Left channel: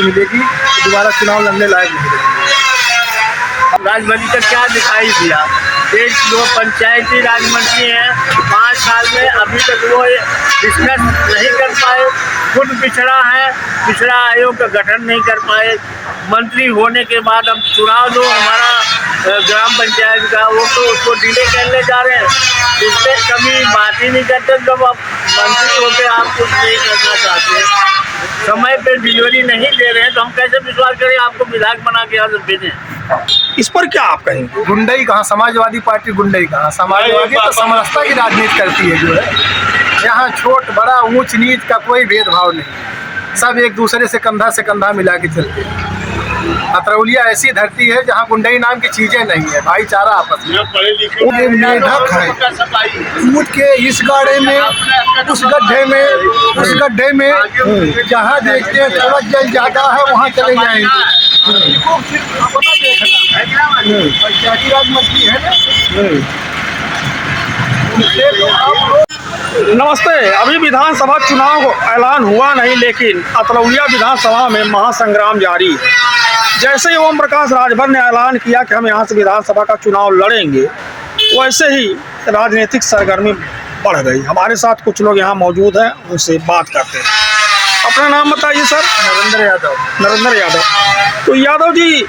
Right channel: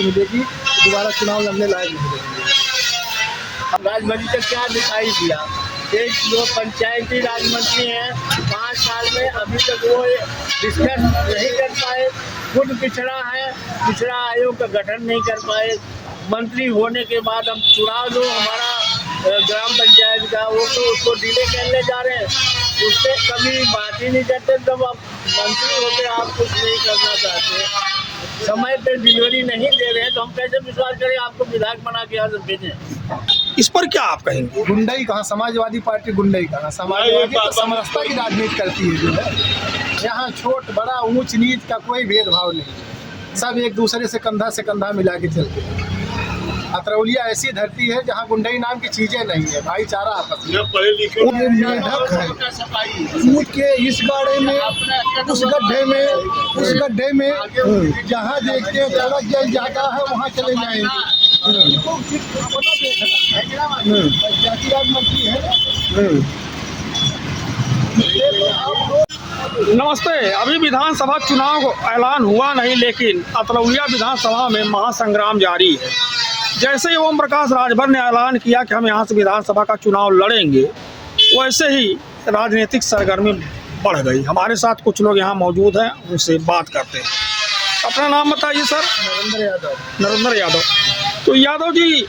मिलेगी तो दोबारा चुनाव लड़ने लायक नहीं रहेंगे। राजभरी का क्या दिखाई दिया? एक दो पंचायती राज मंत्री हैं, 5 साल में अभी तक वो डिस्कस नहीं कर पाए। खुद पिछड़ा है, पिछड़ा आयोग का गठन नहीं कर पाए। मंत्री होने के बाद अब चुनाव दो हमारा ग्राम पंचायत का, वो तो उसको डिले करने जा रहे हैं। उस पर कभी बात ही नहीं करते। जब आप मंत्री होकर आप कुछ नहीं करना चाहते, समय पे डिलीवरी नहीं दे रहे हैं, तो हम कैसे विश्वास करें आपको विधायक बना के यहाँ भेजें? इस पर क्या आप कहेंगे? गुंडई कहाँ, समाजवादी पार्टी गुंडई कहाँ? समाजवादी तो समरसता की राजनीति करती है। जो है यहाँ छोट बड़ा ऊंच नीच का कोई भेदभाव नहीं, सब एक दूसरे से कंधा मिला के चलते हैं। अतरौलिया ऐसी धरती है जहाँ गुंडई नाम की चीजें नहीं है, भाईचारा आपस में। मेढक है, कूद के इस गाड़े में उस गड्ढे में जहाँ देखते हैं थोड़ा जल ज्यादा है वहाँ चले जाएंगे। पंचायती राज मंत्री है नमस्ते। अभी विधानसभा चुनाव ऐलान हुआ नहीं, लेकिन अतरौलिया विधानसभा में महासंग्राम जारी है। जैसे ही ओम प्रकाश राजभर ने ऐलान किया कि हम यहाँ से विधानसभा का चुनाव लड़ेंगे, वैसे ही राजनीतिक सरगर्मी बढ़ गई। हमारे साथ कुछ लोग यहाँ मौजूद हैं, उनसे बात करते हैं। अपना नाम बताइए सर। नरेंद्र यादव। तो यादव जी,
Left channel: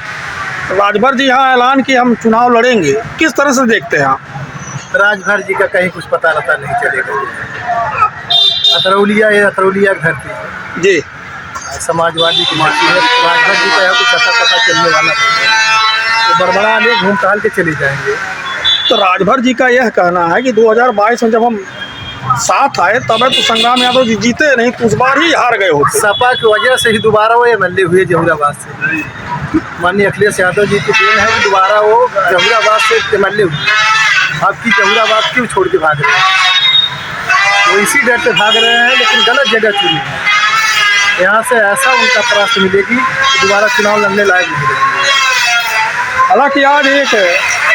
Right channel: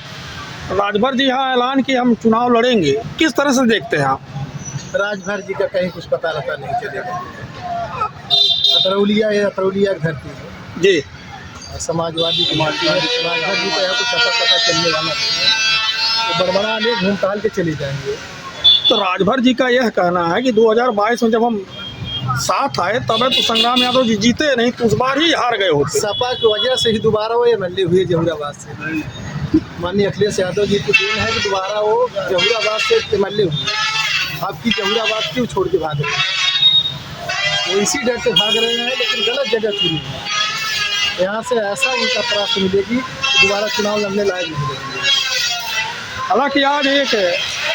राजभर जी यहाँ ऐलान किया हम चुनाव लड़ेंगे, किस तरह से देखते हैं आप? राजभर जी का कहीं कुछ पता रहता नहीं चलेगा। अतरौलिया धरती जी समाजवादी की पार्टी है। राजभर जी का यहाँ कुछ पता चलने वाला नहीं, तो बरमड़ा में घूम टहल के चले जाएंगे। तो राजभर जी का यह कहना है कि 2022 में जब हम साथ आए तब तो संग्राम यादव जी जीते नहीं, तो उस बार ही हार गए होते। सपा की वजह से ही दोबारा वो एमएलए हुए जहुराबाद से। माननीय अखिलेश यादव जी की देन है कि दोबारा वो जहुराबाद से एमएलए हुए। आपकी जहुराबाद क्यों छोड़ के भाग रहे हैं? वो इसी डर से भाग रहे हैं, लेकिन गलत जगह चुनी है। यहाँ से ऐसा उनका परास्त मिलेगी तो दोबारा चुनाव लड़ने लायक नहीं रहेंगे। हालांकि आज एक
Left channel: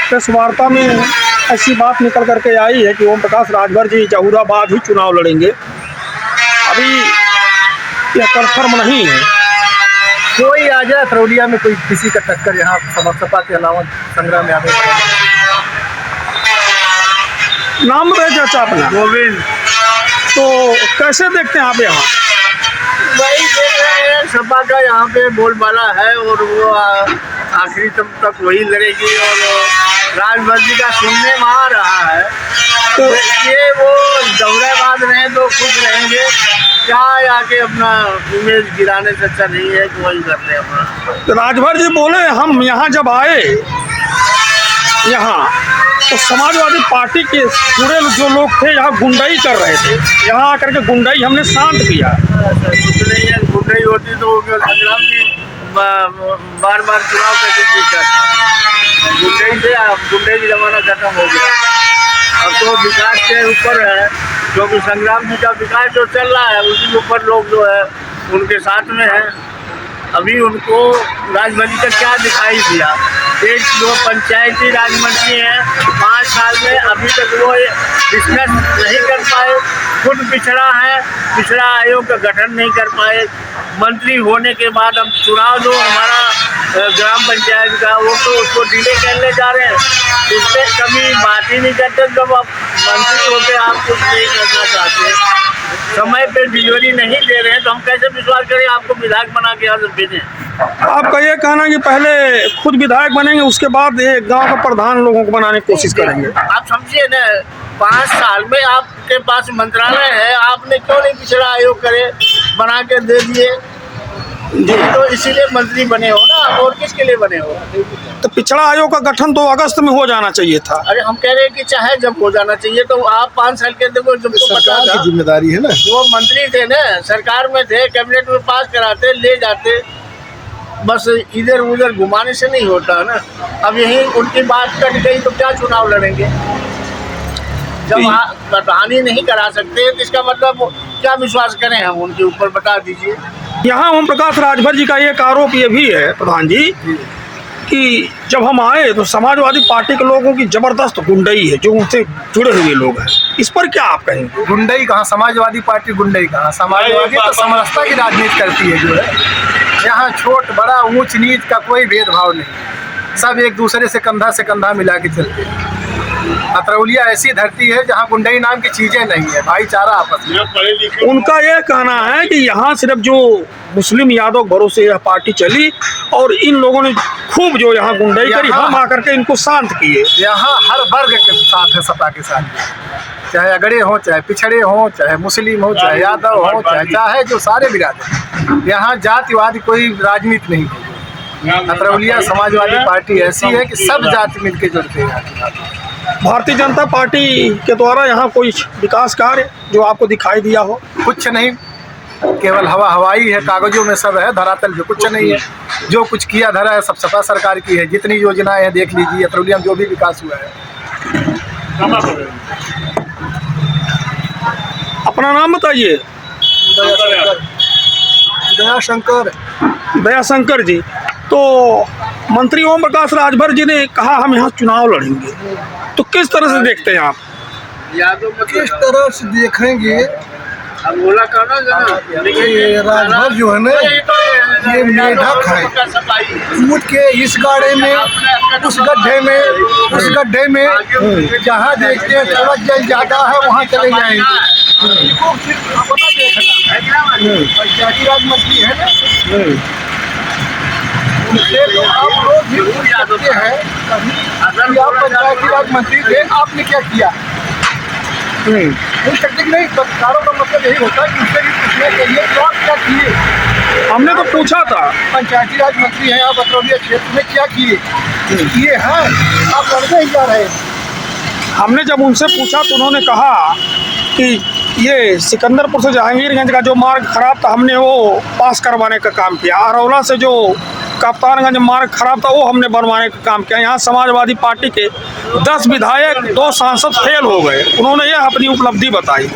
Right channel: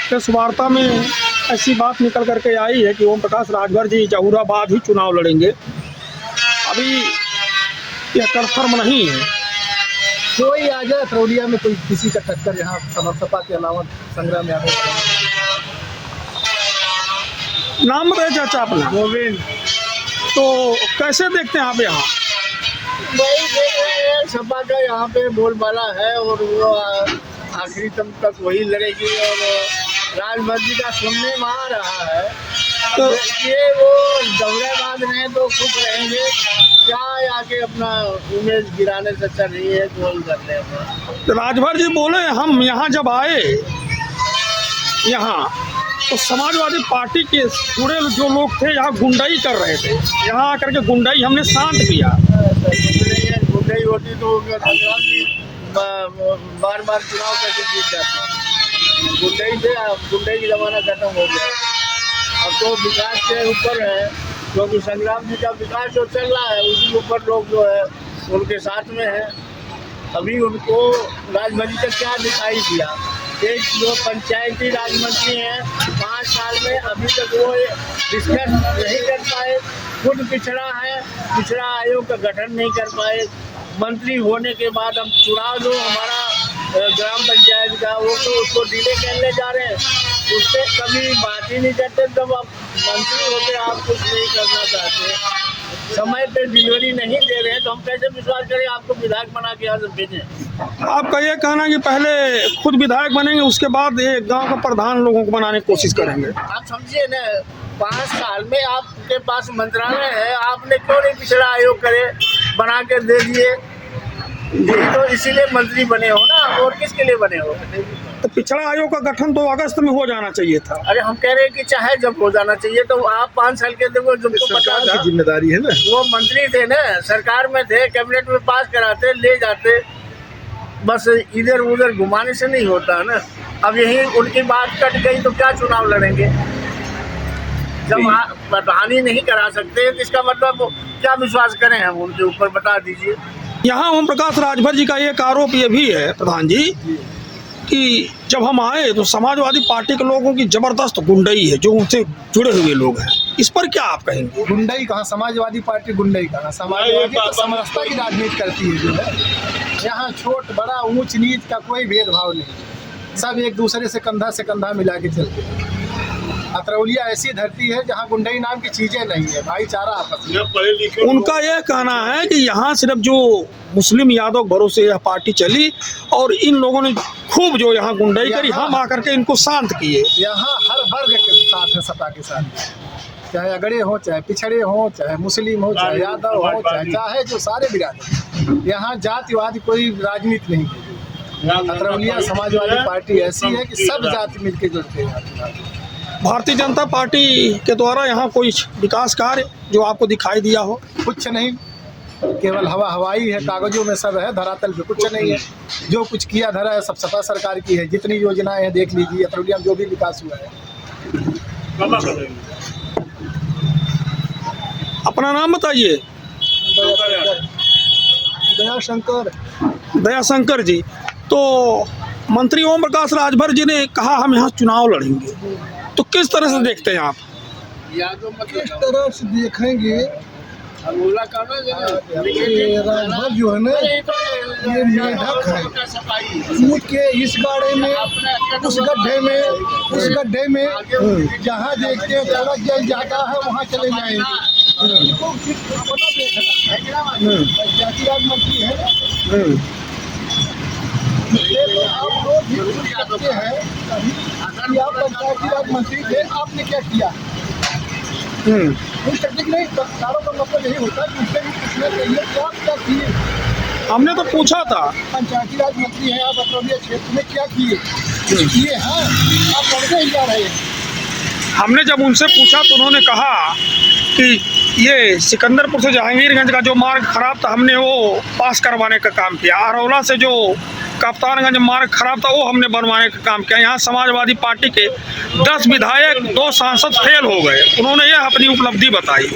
प्रेस वार्ता में ऐसी बात निकल करके आई है कि ओम प्रकाश राजभर जी जहुराबाद ही चुनाव लड़ेंगे। अभी यह कन्फर्म नहीं है। कोई आ जाए अतरौलिया में, कोई किसी का टक्कर यहाँ सपा के अलावा संग्राम यादव। नाम बताइए चाचा अपना। गोविंद। तो कैसे देखते हैं आप यहाँ? भाई देख रहे हैं सपा का यहाँ पे बोलबाला है, और वो आखिरी तक वही लड़ेगी। और राजभर जी का सुनने में आ रहा है तो ये वो जहुराबाद रहे तो खुश रहेंगे, क्या आके अपना इमेज गिराने से अच्छा नहीं है कि वही करते हैं अपना। तो राजभर जी बोले हम यहाँ जब आए यहाँ तो समाजवादी पार्टी के पूरे जो लोग थे यहाँ गुंडाई कर रहे थे, यहाँ आकर के गुंडाई हमने शांत किया। गुंडाई होती तो संग्राम जी बार चुनाव कैसे जीता? गुंडाई से गुंडाई की जमाना खत्म हो गया। अब तो विकास के ऊपर है, क्योंकि संग्राम जी का विकास जो चल रहा है उसी के ऊपर लोग जो है उनके साथ में है। अभी उनको राजभरी का क्या दिखाई दिया? एक दो पंचायती राज मंत्री हैं, 5 साल में अभी तक वो डिस्कस नहीं कर पाए। खुद पिछड़ा है, पिछड़ा आयोग का गठन नहीं कर पाए। मंत्री होने के बाद अब चुनाव दो हमारा ग्राम पंचायत का, वो तो उसको डिले करने जा रहे हैं। उस पर कभी बात ही नहीं करते। जब आप मंत्री होकर आप कुछ नहीं करना चाहते, समय पे डिलीवरी नहीं दे रहे हैं, तो हम कैसे विश्वास करें आपको विधायक बना के यहाँ भेजें? आपका ये कहना है कि पहले खुद विधायक बनेंगे, उसके बाद एक गांव का प्रधान लोगों को बनाने की कोशिश करेंगे। आप समझिए ना, 5 साल में आपके पास मंत्रालय है, आपने क्यों नहीं पिछड़ा आयोग करे बना के दे दिए? तो इसीलिए मंत्री बने हो ना, और किसके लिए बने हो? तो पिछड़ा आयोग का गठन तो अगस्त में हो जाना चाहिए था। अरे हम कह रहे हैं कि चाहे जब हो जाना चाहिए, तो आप 5 साल के देखो, जब सरकार की जिम्मेदारी है ना। वो मंत्री थे ना, सरकार में थे, कैबिनेट में पास कराते ले जाते, बस इधर उधर घुमाने से नहीं होता ना। अब यही उनकी बात कट गई तो क्या चुनाव लड़ेंगे? जब आप प्रधान ही नहीं करा सकते तो इसका मतलब क्या विश्वास करें हम उनके ऊपर? बता दीजिए। यहाँ ओम प्रकाश राजभर जी का एक आरोप ये भी है प्रधान जी कि जब हम आए तो समाजवादी पार्टी के लोगों की जबरदस्त गुंडई है, जो उनसे जुड़े हुए लोग हैं। इस पर क्या आप कहेंगे? गुंडई कहाँ, समाजवादी पार्टी गुंडई कहाँ? समाजवादी तो समरसता की राजनीति करती है। जो है यहाँ छोट बड़ा ऊंच नीच का कोई भेदभाव नहीं, सब एक दूसरे से कंधा मिला के चलते हैं। अतरौलिया ऐसी धरती है जहाँ गुंडई नाम की चीजें नहीं है, भाईचारा आपस में। उनका यह कहना है कि यहाँ सिर्फ जो मुस्लिम यादव भरोसे यह पार्टी चली और इन लोगों ने खूब जो यहाँ गुंडई करी, हम आकर के इनको शांत किए। यहाँ हर वर्ग के साथ है, सपा के साथ, चाहे अगड़े हों, चाहे पिछड़े हों, चाहे मुस्लिम हो, चाहे यादव हो, चाहे जो सारे बिरादर। यहाँ जातिवाद कोई राजनीति नहीं है। अतरौलिया समाजवादी पार्टी ऐसी है कि सब जाति मिलके जुड़ते हैं। भारतीय जनता पार्टी के द्वारा यहाँ कोई विकास कार्य जो आपको दिखाई दिया हो? कुछ नहीं, केवल हवाई है, कागजों में सब है, धरातल पे कुछ नहीं है। जो कुछ किया धरा है सब सपा सरकार की है। जितनी योजनाएं हैं देख लीजिए, अतरौलिया में जो भी विकास हुआ है। अपना नाम बताइए। दयाशंकर जी। तो मंत्री ओम प्रकाश राजभर जी ने कहा हम यहाँ चुनाव लड़ेंगे, तो किस तरह से देखते हैं आप? किस तरह से देखेंगे, राजभर जो है ना, ये मेढक है, कूद के इस गाड़े में उस गड्ढे में उस गड्ढे में, जहाँ देखते हैं थोड़ा जल ज़्यादा है वहाँ चले जाएंगे। अपना देखना पंचायती राज मंत्री है ना, उनसे तो आप लोग भी पूछ सकते हैं कि आप पंचायती राज मंत्री थे, आपने क्या किया। पूछ सकते कि नहीं, पत्रकारों का मतलब यही होता है कि उससे भी पूछना चाहिए तो आप क्या किए। हमने तो पूछा था, पंचायती राज मंत्री हैं आप, अतरौलिया क्षेत्र में क्या किए हैं, आप लड़ते ही जा रहे हैं। हमने जब उनसे पूछा तो उन्होंने कहा कि ये सिकंदरपुर से जहांगीरगंज का जो मार्ग खराब था हमने वो पास करवाने का काम किया। आरौला से जो कप्तानगंज मार्ग खराब था वो हमने बनवाने का काम किया। यहाँ समाजवादी पार्टी के 10 विधायक 2 सांसद फेल हो गए। उन्होंने यह अपनी उपलब्धि बताई।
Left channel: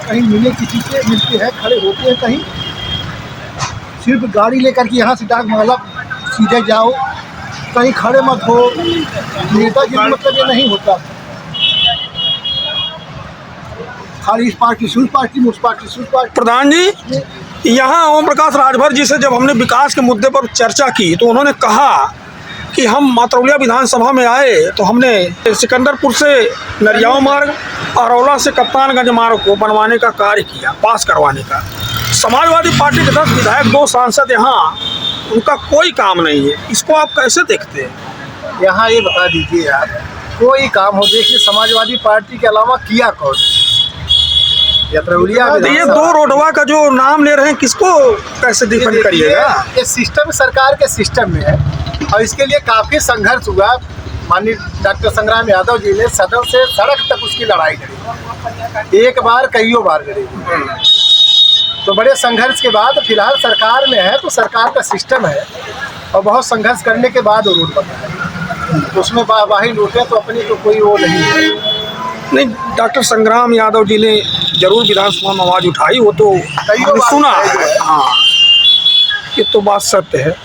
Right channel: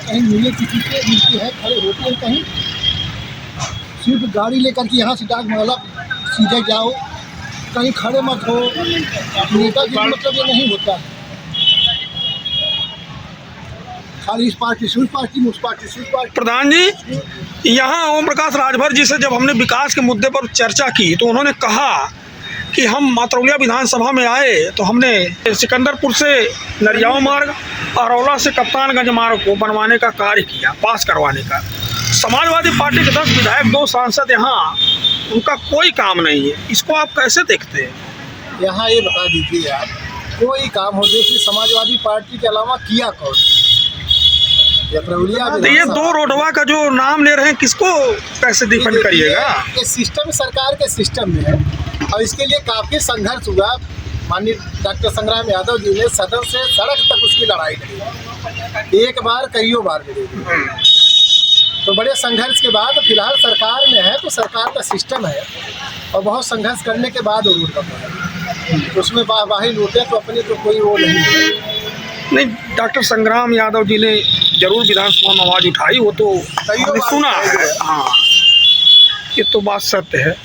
कहीं मिले किसी से मिलते हैं, खड़े होते हैं, कहीं सिर्फ गाड़ी लेकर के यहाँ से डाक माला सीधे जाओ, कहीं खड़े मत हो। नेतागिरी मतलब ये नहीं होता, खाली इस पार्टी से उस पार्टी में, उस पार्टी से उस पार्टी। प्रधान जी, यहाँ ओम प्रकाश राजभर जी से जब हमने विकास के मुद्दे पर चर्चा की तो उन्होंने कहा कि हम अतरौलिया विधानसभा में आए तो हमने सिकंदरपुर से नरियाव मार्ग, आरौला से कप्तानगंज मार्ग को बनवाने का कार्य किया, पास करवाने का। समाजवादी पार्टी के 10 विधायक 2 सांसद यहाँ, उनका कोई काम नहीं है। इसको आप कैसे देखते हैं? यहाँ ये बता दीजिए आप, कोई काम हो, देखिए समाजवादी पार्टी के अलावा किया कौन? ये 2 रोडवा का जो नाम ले रहे हैं, किसको कैसे डिफेंड करिएगा? ये सिस्टम सरकार के सिस्टम में है और इसके लिए काफ़ी संघर्ष हुआ। माननीय डॉक्टर संग्राम यादव जी ने सदन से सड़क तक उसकी लड़ाई लड़ी, एक बार कईयों बार लड़ी। तो बड़े संघर्ष के बाद फिलहाल सरकार में है, तो सरकार का सिस्टम है और बहुत संघर्ष करने के बाद वो रोड बना। तो उसमें वाही लूटे तो अपनी तो कोई वो नहीं। डॉक्टर संग्राम यादव जी ने जरूर विधानसभा में आवाज़ उठाई, वो तो हमने सुना। हाँ, ये तो बात सत्य है।